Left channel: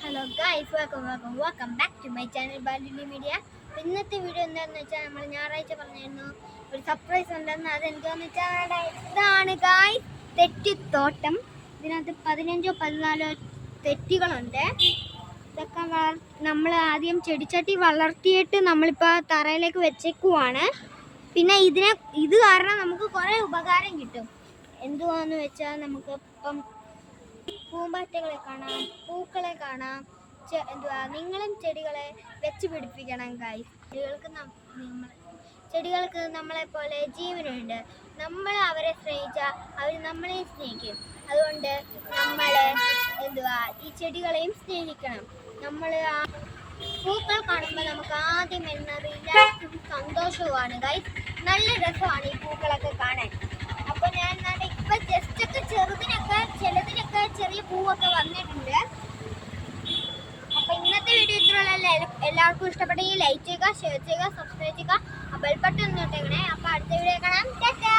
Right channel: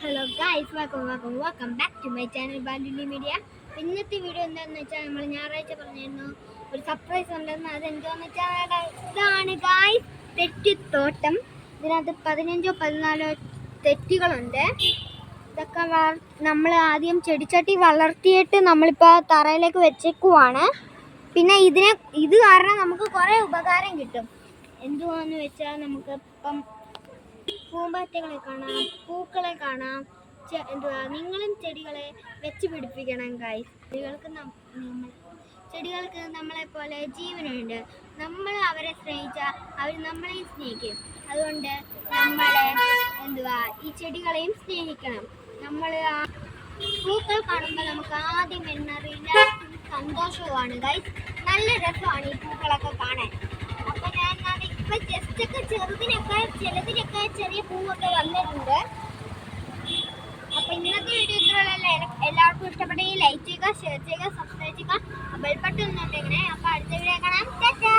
Hello guys, welcome back to my channel Baluli media. ഇന്നത്തെ video എന്താണെന്ന് വെച്ചാൽ നമ്മൾ ഞായറാഴ്ച പറഞ്ഞിരുന്നു ഒരു സർപ്രൈസ് ഉണ്ടെന്ന്. അതെന്താണെന്ന് വെച്ചാൽ ഇതാണ് ഗൈസ്, തെറ്റിത്തോട്ടം. ഇതിനകത്ത് 15-14 തെറ്റികളുണ്ട്. ഇതൊക്കെ നമ്മൾ ആദ്യം ചെടിച്ചട്ടി വളർത്തിയിട്ട് നമ്മളിപ്പോൾ തറയിലേക്ക് വെച്ചേക്കുവാണ്. പിന്നെ ഇത് കാരണം നമുക്ക് കുറേ ഉപകാരം കിട്ടും. എന്തുവാന്ന് വെച്ചാൽ നമുക്ക് ഇപ്പം പൂമ്പാറ്റകളെ കാണാം, പൂക്കളെ കാണാം. നിങ്ങളും ചെടികളെ വെച്ച് പിടിപ്പിക്കണം ഗൈസ്. ചെടികൾക്ക് നമ്മളെ പോലെ ജീവനുണ്ട്. നമ്മൾ അവരെ സ്നേഹിച്ചാൽ അവർ നമ്മളെ സ്നേഹിക്കും. അതുകൊണ്ട് നമ്മളെ ഈ ചെടികളെയും സ്നേഹിക്കണം. നമ്മൾ പൂക്കൾ കാണുമ്പോൾ നമുക്ക് ആദ്യം വരുന്നത് സന്തോഷവുമാണ് ഗൈസ്. നല്ല രസമാണ് ഈ പൂക്കളൊക്കെ കാണാൻ. അപ്പൊ ഞാൻ ഇപ്പൊ ജസ്റ്റ് ഒക്കെ ചിലതിനൊക്കെ ചെറിയ പൂവൊക്കെ വന്നിട്ടുണ്ട്. അപ്പൊ ഇന്നത്തെ വീഡിയോ ഇത്രയുള്ള എല്ലാവർക്കും ഇഷ്ടപ്പെട്ടെങ്കിൽ ലൈക്ക് ചെയ്യുക, ഷെയർ ചെയ്യുക, സബ്സ്ക്രൈബ് ചെയ്യുക, ബെൽ ബട്ടൺ ഒന്ന് തൊട്ടേക്കണേ. അപ്പൊ അടുത്ത വീഡിയോ കാണാം. ടാറ്റാ.